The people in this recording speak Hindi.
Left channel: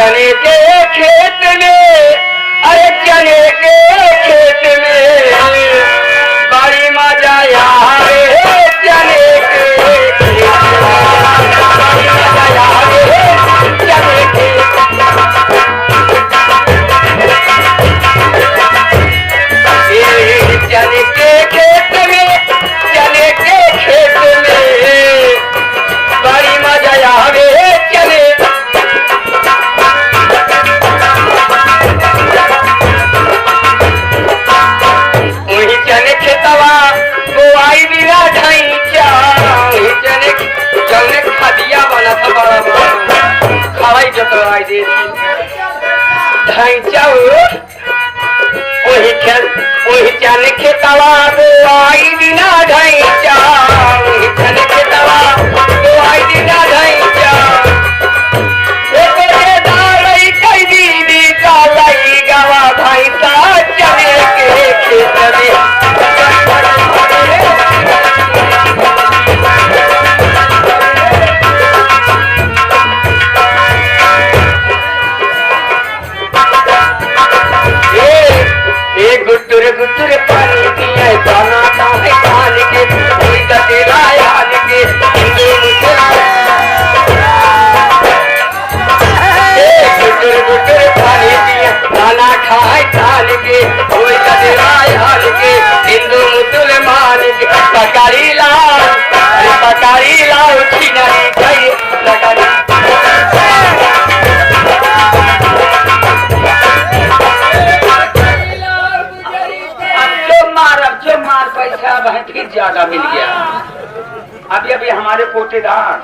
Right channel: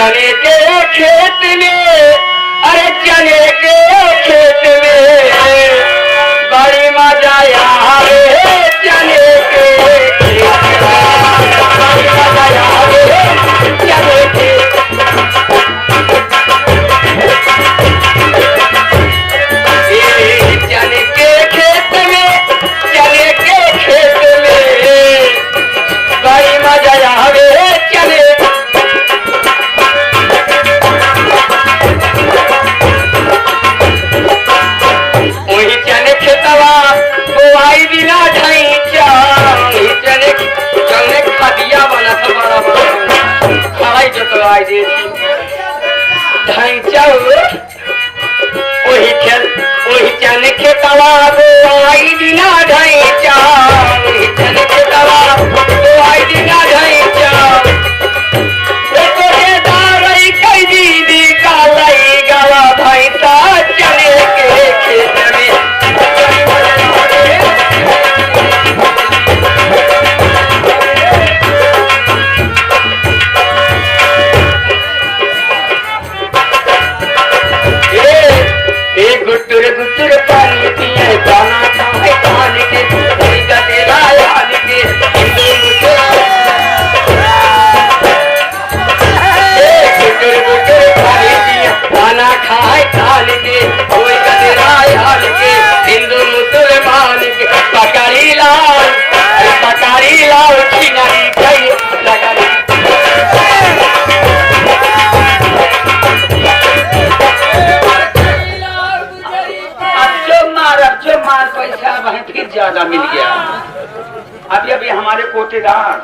चने के खेत में, अरे चने के खेत में बड़ी मजा आवे चने के खेत में, बड़ी मजा आवे चने के। चने के खेत में, चने के खेत में बड़ी मजा आवे चने। चने खेतवा बोआई बिना ढैचा, चने खदिया वाला था बड़ा खड़ाई जोतवाई दे ढैचा वही चने खेतवा बोआई बिना ढैचा, वही चने खेतवा बोआई बिना ढैचा। दीदी का लाई गवा भैंसा चने के खेत में। गुटुर गुटुर पानी पिए दाना खाए कान के तेरा याद के गुटुर गुटुर पानी पिए दाना खाए कान के तेरा याद के हिंदू मुसलमान के पकड़ी लाओ छिनरी गई लगा। जो मार पैसा वह फिर ज्यादा मिल गया। अभी हमारे कोटेदार